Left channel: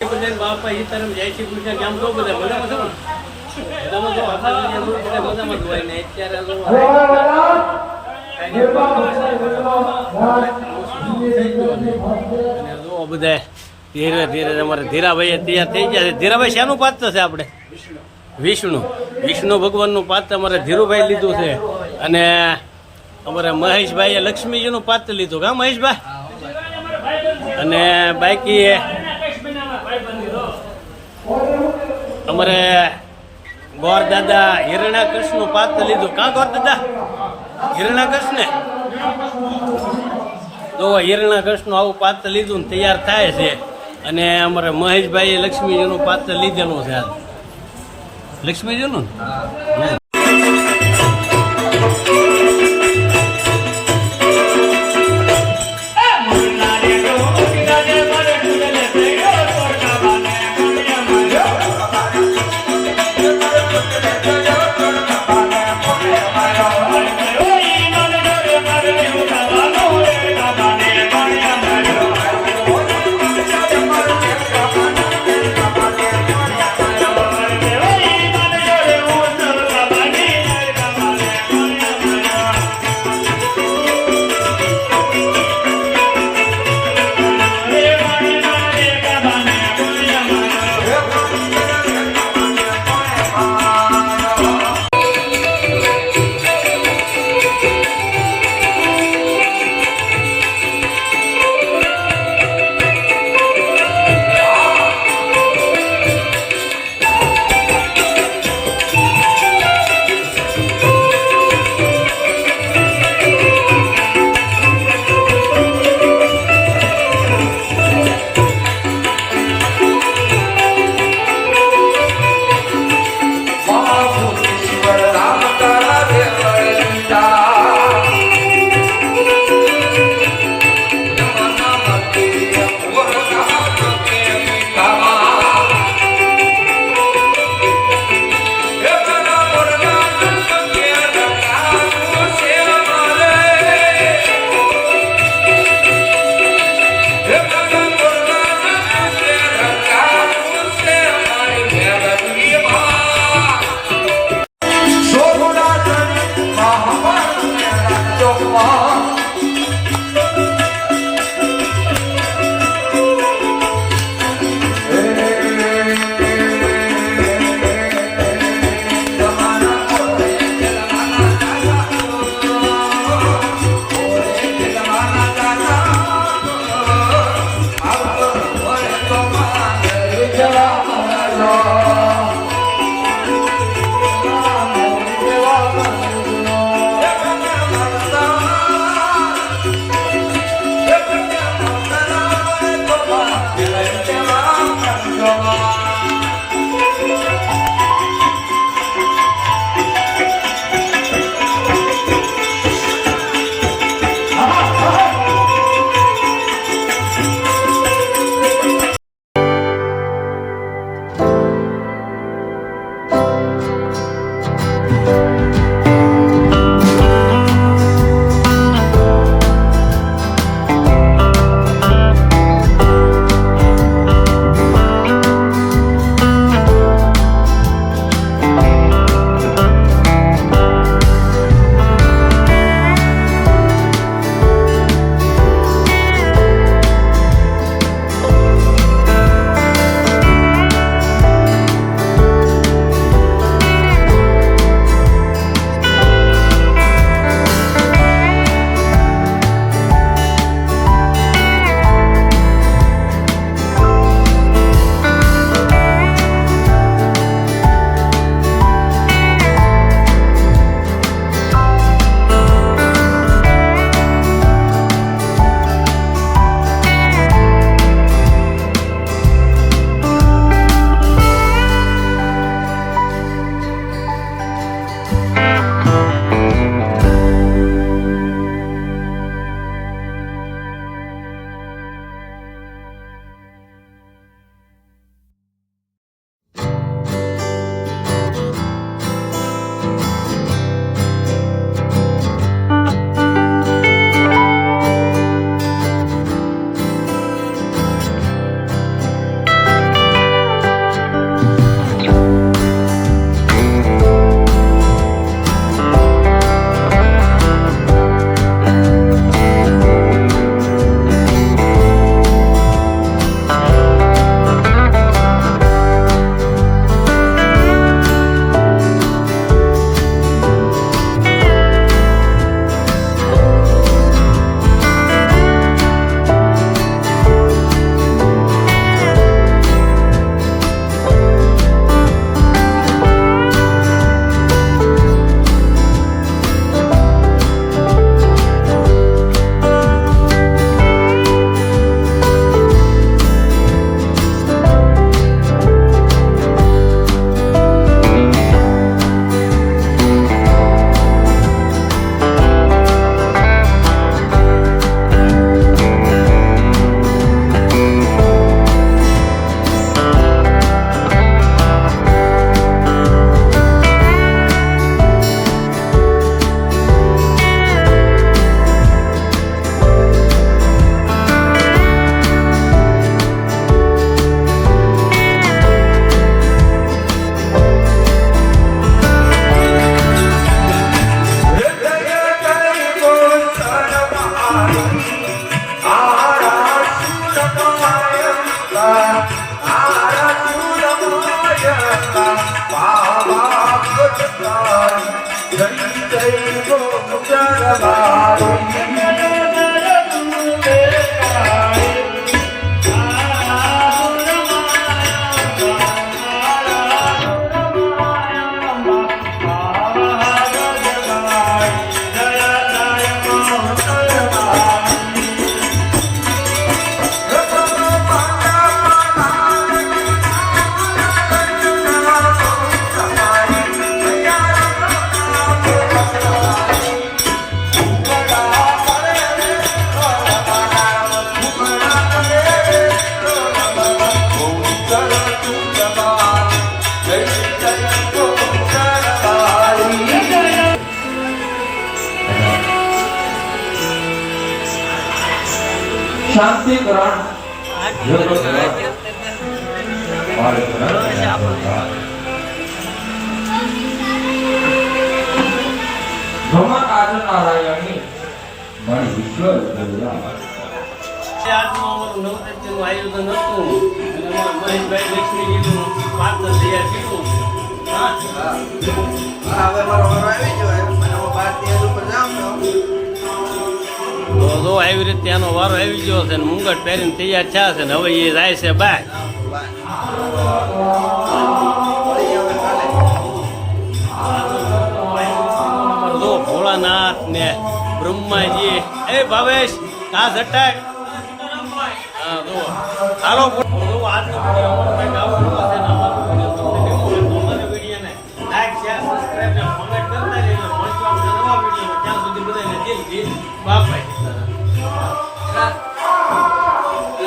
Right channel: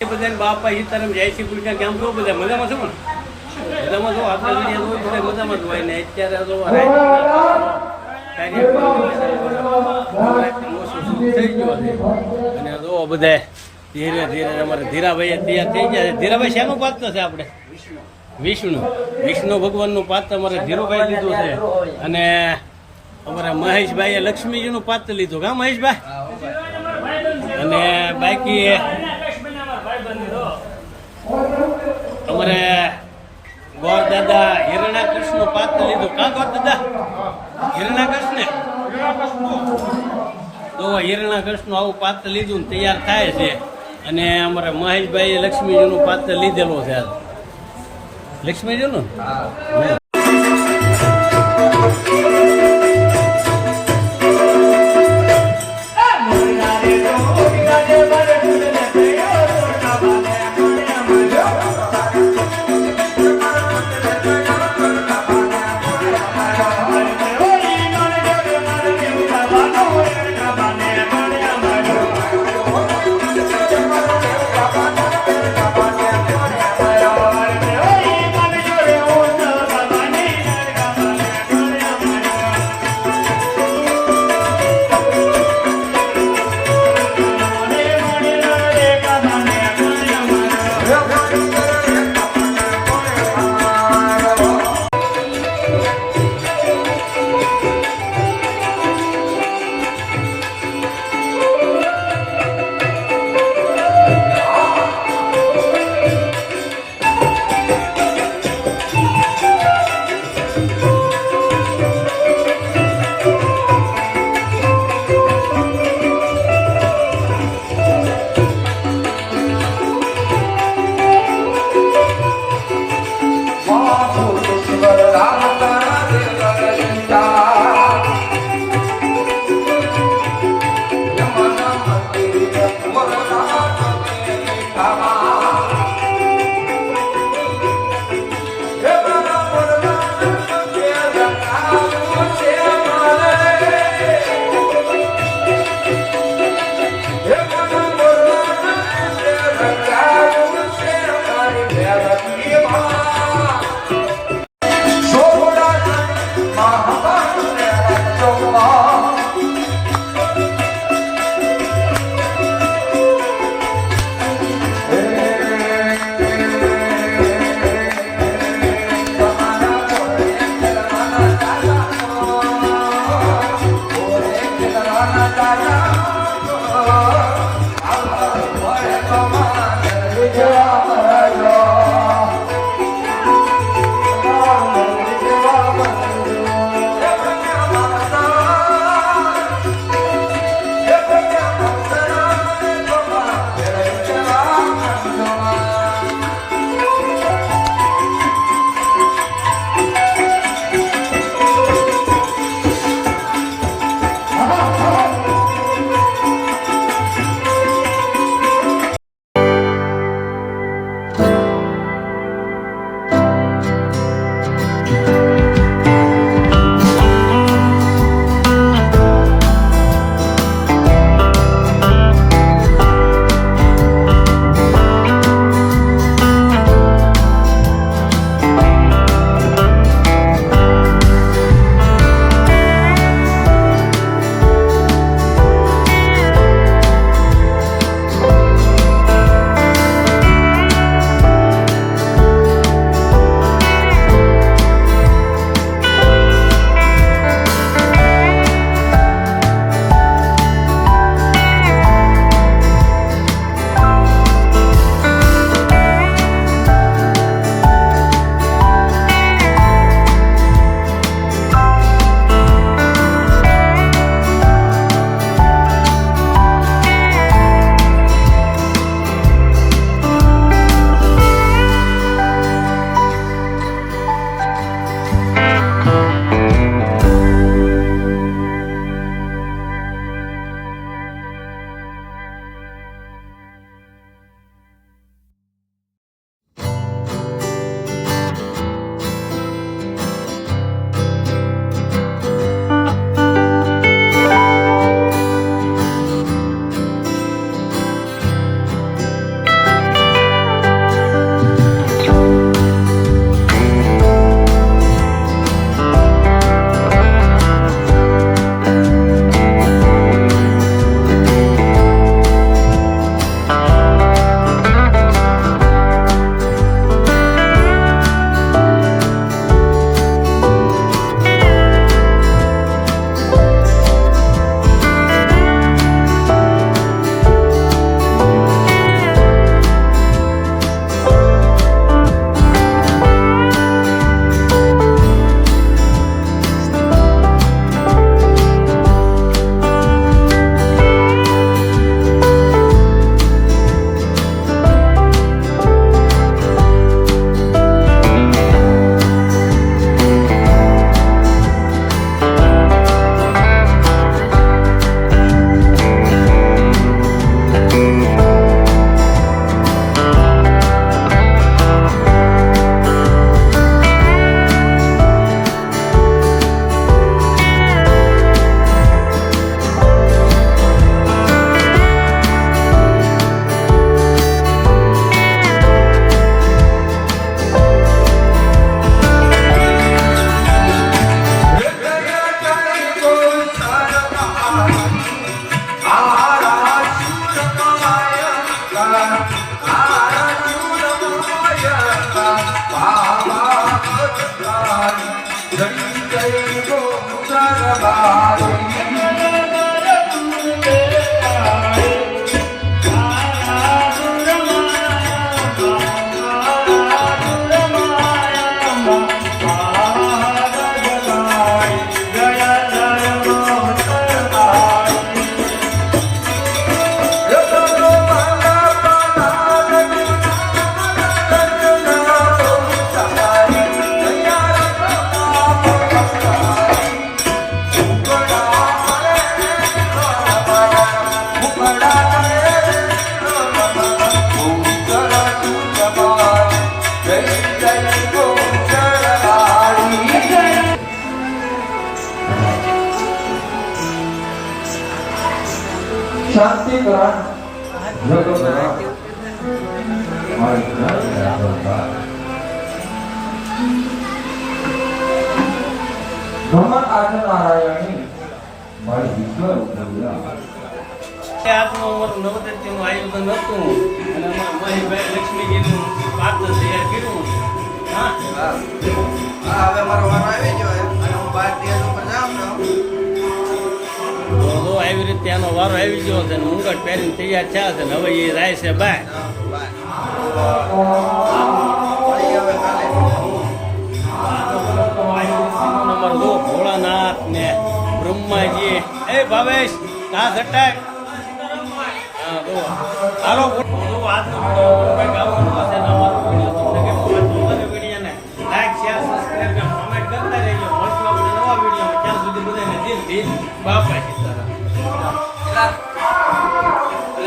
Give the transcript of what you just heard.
બધા બાપા સીતારામ જય શ્રી કૃષ્ણ કેમ છો બધા મજામાં છો ને મજામાં છો આપણે વિડીયો બધા મજામાં જ હોય ને અત્યારે તો થઈ ગયો છે અને જો બધા ધીરે ધીરે અમારે ધીરાભાઈ તૈયાર થઈ ગયા છે. ધીરાભાઈ શાનું પાત્ર છે આપણે? વિષ્ણુ ભગવાનનું પાત્ર અમારે ધીરુભાઈ લીધું છે અને અમારે મહેશભાઈએ લક્ષ્મીજીનું પાત્ર લીધું કા મહેશભાઈ? અને બાકી અમારે ગોર દાદા હિરણા કૃષ્ણ પાત્ર લીધું કા ગોર દાદા? હિરણા કૃષ્ણ તો હિરણા કૃષ્ણ આવું પાત્ર લીધું ને તૈયાર થાય છે. અને અમારે મહેશભાઈએ લક્ષ્મીજીનું પાત્ર લીધેલું છે આજ લક્ષ્મીજીનું ને શાંતિ કરણ આજનું અમારું નવરાત્રીનું આયોજન હતું અને અમારા મહેશભાઈ લક્ષ્મીજીનું પાત્ર તૈયાર કર્યું. હા હવે અમારો વારો આવી ગયો અને હું 12 ઉપર જાઉં તો આવી રીતે ત્યાંનો વારો આવી ગયો છે ને મુંગટ પહેરીને તૈયાર થયા છે ને હવે એ જાય છે બહાર. અમારો જો ભોળાનાથ ને બ્રહ્માજી એ ભાવેશ કા ઝટાક હા જો હાલો આજનો વિડીયો અમારો કંઈક આવો છે ને અમારો વિડીયો તમને કેવો હોય તો અમારા વિડીયોને લાઈક શેર સબસ્ક્રાઈબ ને કોમેન્ટ કરતા રહેજો. મળશું આપણે નવા વિડીયોમાં. ત્યાં સુધી બધાને દિલથી બાપા સીતારામ.